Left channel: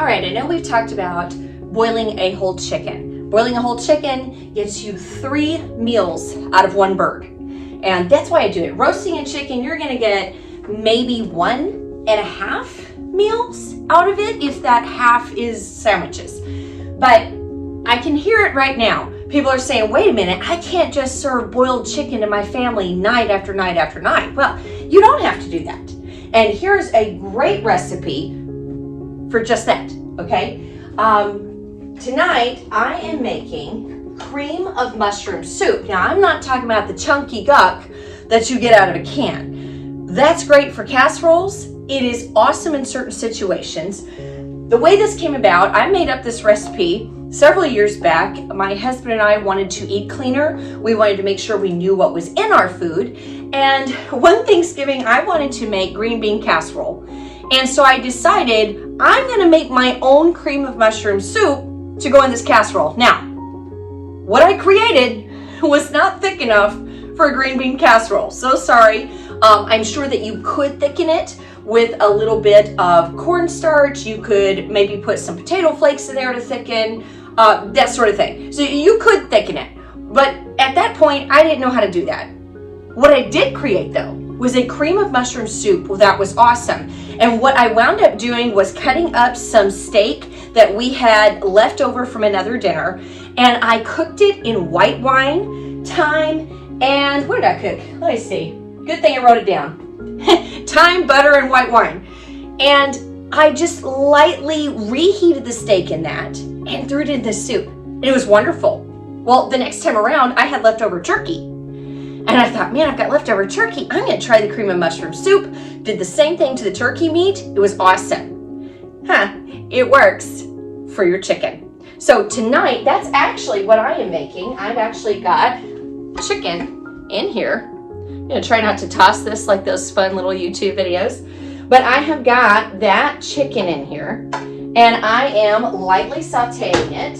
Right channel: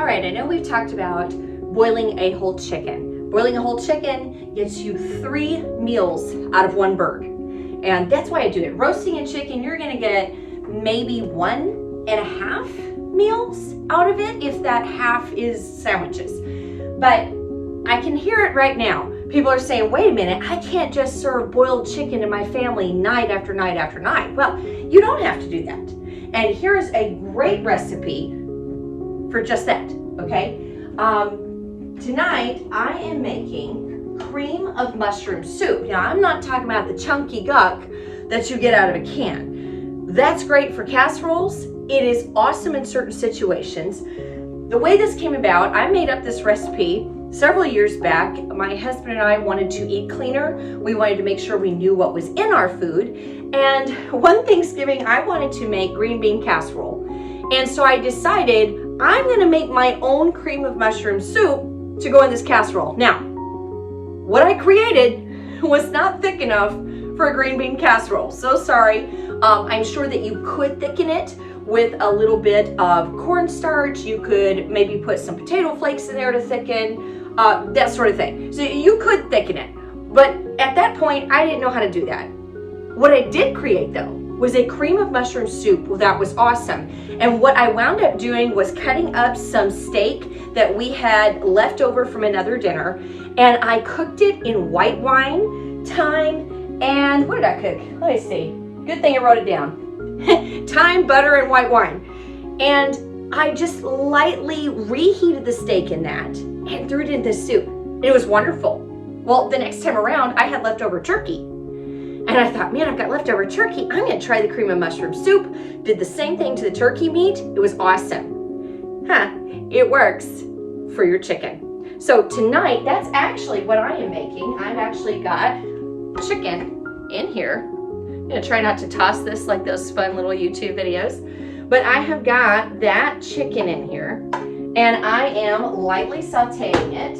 All right, I know we've talked about boiling a whole chicken. Boiling a whole chicken gets you 3 meals out of one bird. And that's why I do it. Roasting a chicken, you're gonna get maybe 1.5 meals out of it, if that half is sandwiches. But I can hear it right now. People are saying, wait a minute, I can't just serve boiled chicken to my family night after night after night. Well, you don't have to do that. And here's a great recipe for just that, okay? Tonight, I am making cream of mushroom soup. Now, I'm not talking about the chunky guck that you get out of a can. That's great for casseroles. It is awesome in certain situations. The way this came about, I made up this recipe several years back. My husband and I wanted to eat cleaner. We wanted to make sure we knew what was in our food. And one Thanksgiving, I wanted to make green bean casserole. And so I decided I'm gonna make my own cream of mushroom soup to go in this casserole. Now, what I created was not thick enough for a green bean casserole. So sorry. I'm sure that you could thicken it with a little bit of cornstarch. You could maybe put some potato flakes in there to thicken, that sort of thing. So you could thicken it. But at that point, I didn't know how to do that. What I did create though was a cream of mushroom soup that was awesome. And what I wound up doing was cutting up some steak that we had left over from another dinner, and I cooked it in white wine, thyme, and what did I cook? Let me see. Good thing I wrote it down. Thyme, butter, and white wine. And I just lightly reheated the steak in that and threw it in the soup. And it was wonderful. Well, the next time around, I had leftover turkey. And I thought, man, I've got leftover turkey. I'm gonna try the cream of mushroom soup. Did the same thing to the turkey meat. It was awesome. It works for your chicken. So tonight, that's actually what I am making. I've actually got chicken in here. I'm gonna try not to toss this like those fun little YouTube videos. But I have got that chicken in here, and I am lightly sauteing it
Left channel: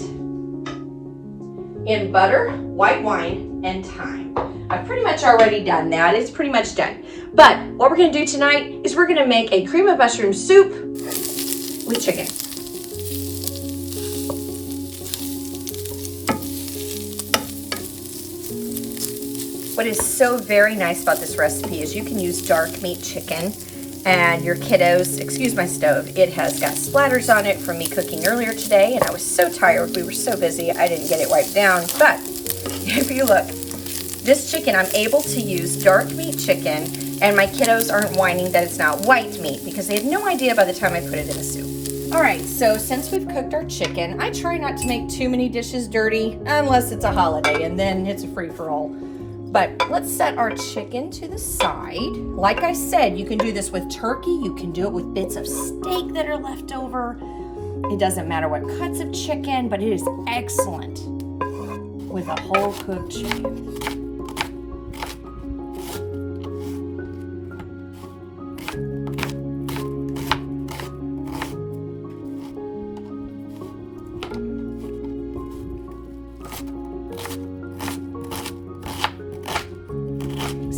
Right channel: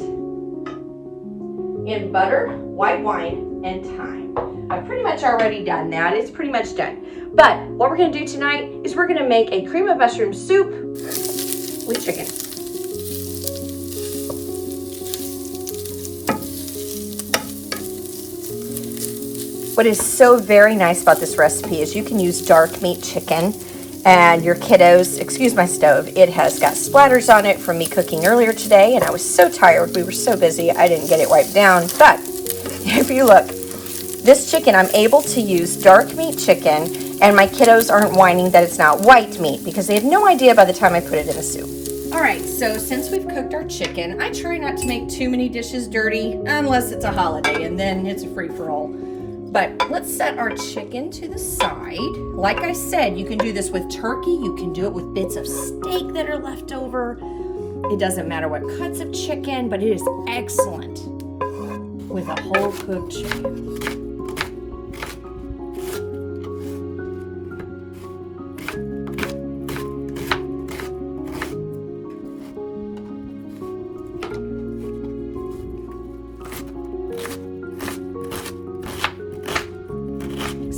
in butter, white wine, and thyme. I've pretty much already done that. It's pretty much done. But what we're gonna do tonight is we're gonna make a cream of mushroom soup with chicken. What is so very nice about this recipe is you can use dark meat chicken, and your kiddos, excuse my stove, it has got splatters on it from me cooking earlier today, and I was so tired, we were so busy, I didn't get it wiped down. But if you look, this chicken, I'm able to use dark meat chicken, and my kiddos aren't whining that it's not white meat because they have no idea by the time I put it in the soup. All right, so since we've cooked our chicken, I try not to make too many dishes dirty unless it's a holiday, and then it's a free-for-all. But let's set our chicken to the side. Like I said, you can do this with turkey. You can do it with bits of steak that are left over. It doesn't matter what cuts of chicken, but it is excellent with a whole cooked chicken.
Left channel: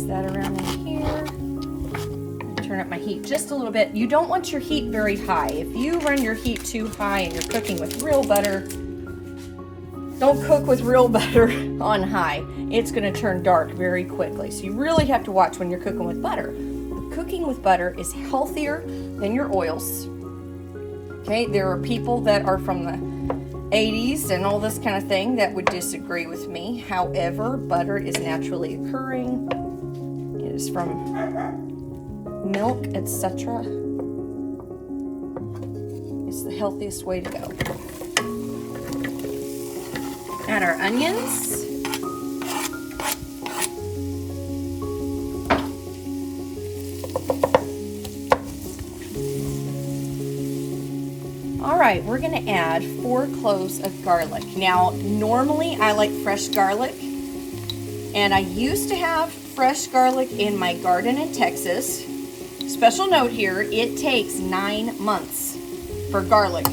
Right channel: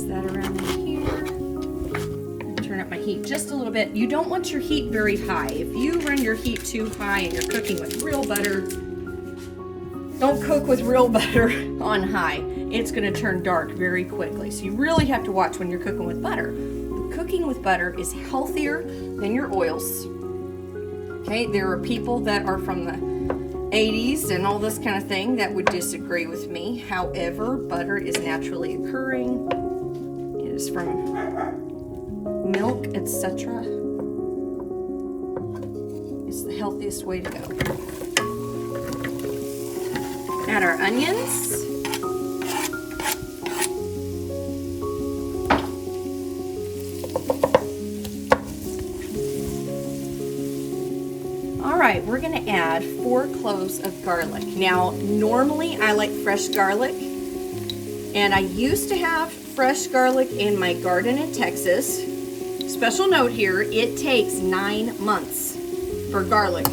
That around in here. Turn up my heat just a little bit. You don't want your heat very high. If you run your heat too high and you're cooking with real butter, don't cook with real butter on high. It's going to turn dark very quickly. So you really have to watch when you're cooking with butter. The cooking with butter is healthier than your oils. Okay, there are people that are from the 80s and all this kind of thing that would disagree with me. However, butter is naturally occurring. Is from milk, etc. It's the healthiest way to go. Add our onions. All right, we're gonna add 4 cloves of garlic. Now, normally I like fresh garlic, and I used to have fresh garlic in my garden in Texas. Special note here, it takes 9 months for garlic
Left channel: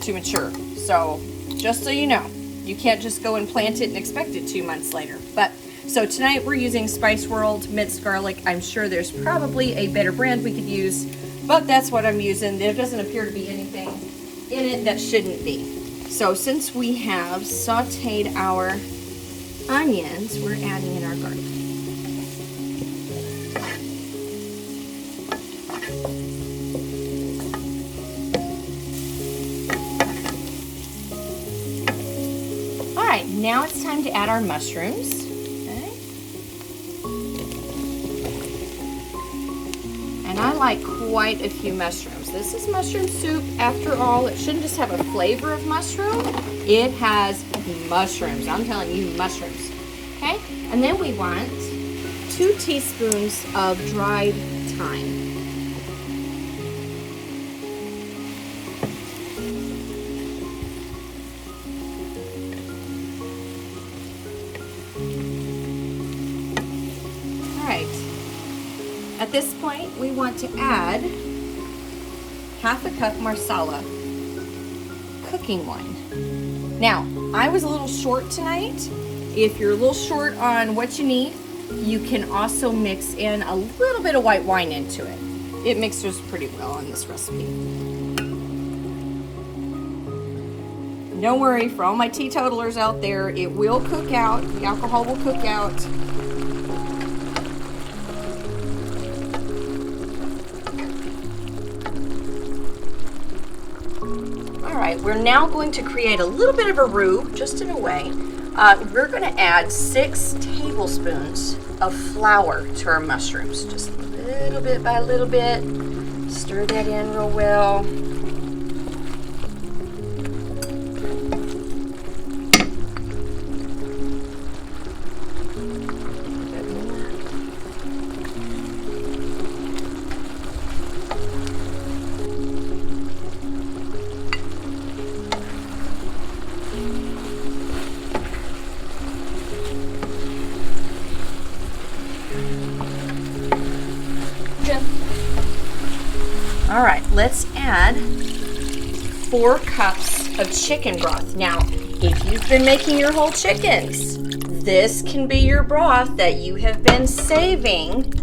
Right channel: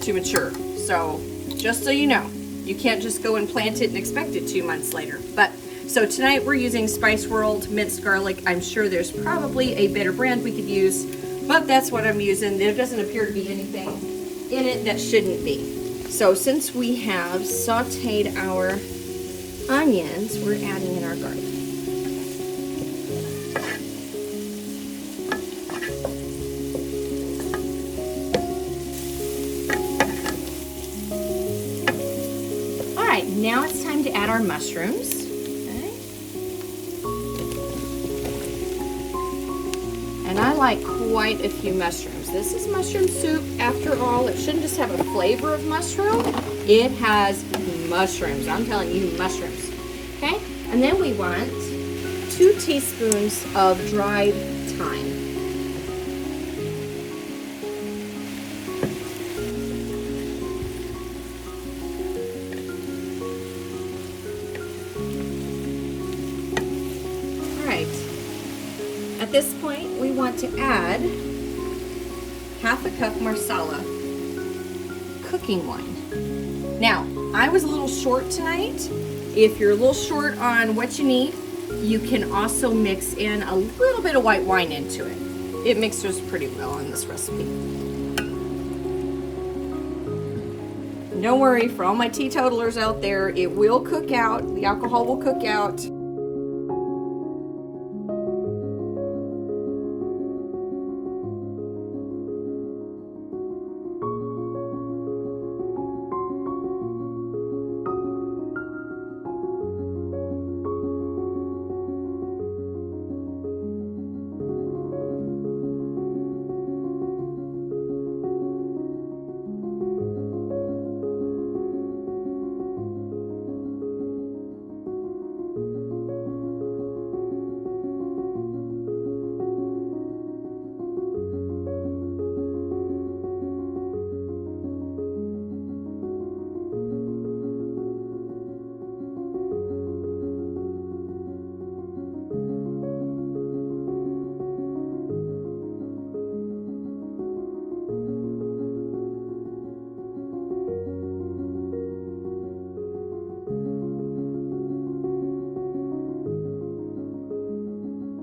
to mature. So just so you know, you can't just go and plant it and expect it 2 months later. But so tonight we're using Spice World minced garlic. I'm sure there's probably a better brand we could use, but that's what I'm using. There doesn't appear to be anything in it that shouldn't be. So since we have sauteed our onions, we're adding in our garlic. All right, now it's time to add our mushrooms. And I like quite a few mushrooms. This is mushroom soup after all. It shouldn't just have a flavor of mushroom. It has mushrooms. I'm telling you, mushrooms. Okay? And then we want 2 teaspoons of dried thyme. All right. At this point, we want to add 1/2 cup marsala cooking wine. Now, I was a little short tonight. If you're a little short on what you need, you can also mix in a little bit of white wine into it. It mixes pretty well on this recipe. Don't worry, for all my teetotalers out there, it will cook out. The alcohol will cook out. We're now going to create a little bit of a roux, just in a way. We're going to add 6 tablespoons of flour to our mushrooms, just a little bit by little bit. Stir that in real well. All right, let's add 4 cups of chicken broth. Now, if you've been making your whole chickens, this can be your broth that you have been saving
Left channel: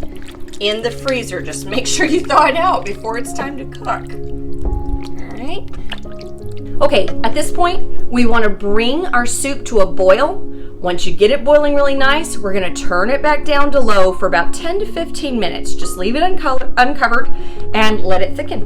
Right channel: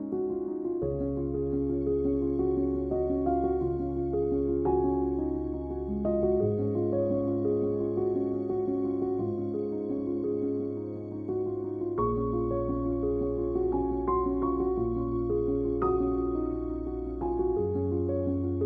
in the freezer. Just make sure you thaw it out before it's time to cook. All right. Okay, at this point, we want to bring our soup to a boil. Once you get it boiling really nice, we're going to turn it back down to low for about 10 to 15 minutes. Just leave it uncovered and let it thicken.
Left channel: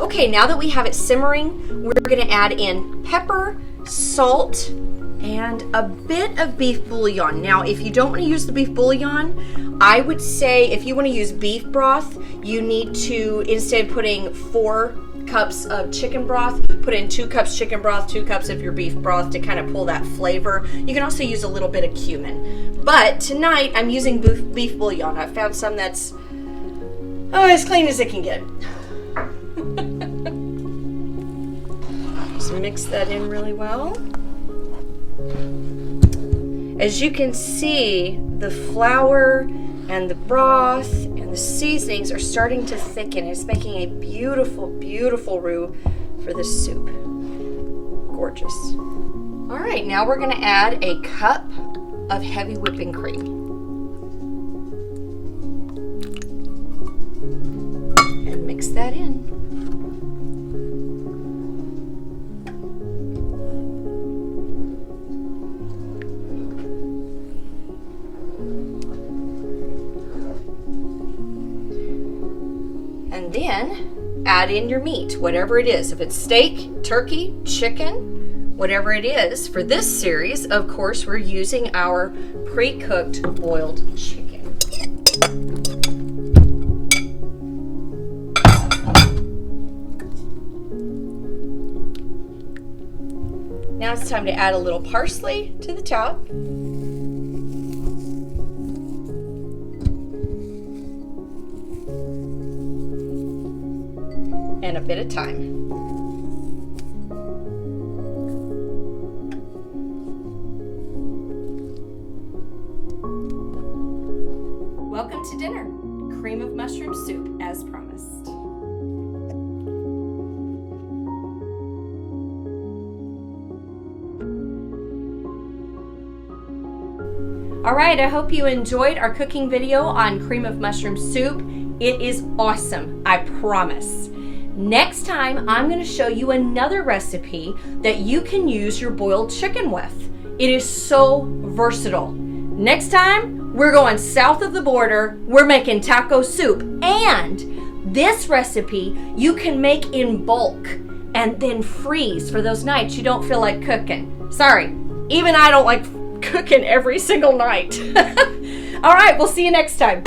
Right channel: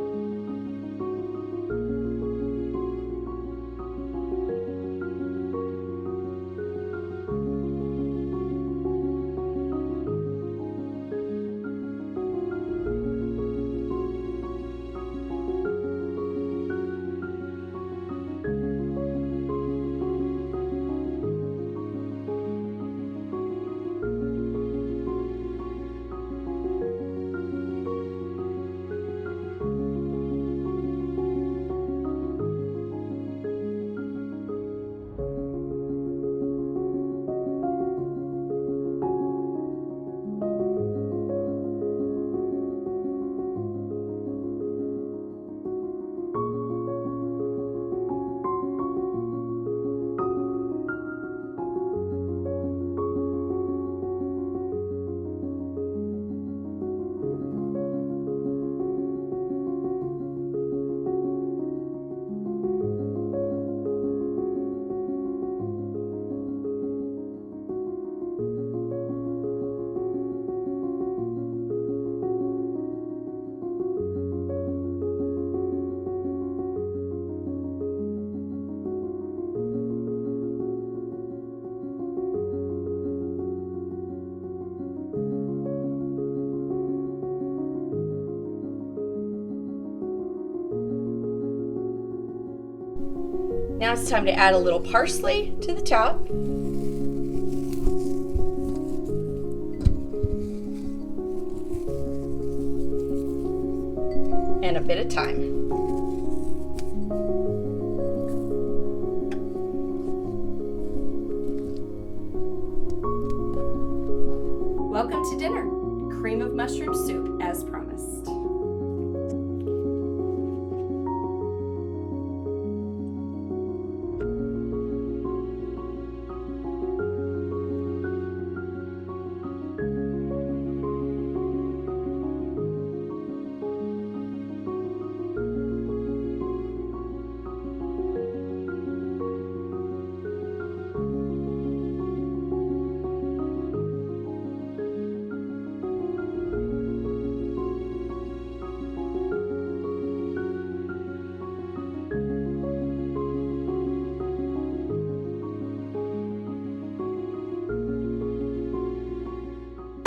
Okay, now that we have it simmering, we're going to add in pepper, salt, and a bit of beef bouillon. Now, if you don't want to use the beef bouillon, I would say if you want to use beef broth, you need to, instead of putting 4 cups of chicken broth, put in 2 cups chicken broth, 2 cups of your beef broth to kind of pull that flavor. You can also use a little bit of cumin. But tonight, I'm using beef bouillon. I found some that's as clean as it can get. Just mix that in really well. As you can see, the flour and the broth and the seasonings are starting to thicken. It's making a beautiful, beautiful roux for this soup. Gorgeous. All right, now we're going to add a cup of heavy whipping cream. And mix that in. Then add in your meat, whatever it is. If it's steak, turkey, chicken, whatever it is. For this series, of course, we're using our pre-cooked boiled chicken. Now it's time to add a little parsley to the top. And a bit of thyme. Welcome to dinner. Cream of mushroom soup as promised. All right, I hope you enjoyed our cooking video on cream of mushroom soup. It is awesome, I promise. Next time, I'm going to show you another recipe that you can use your boiled chicken with. It is so versatile. Next time, we're going south of the border. We're making taco soup. And this recipe you can make in bulk and then freeze for those nights you don't feel like cooking. Sorry, even I don't like cooking every single night. All right, we'll see you next time.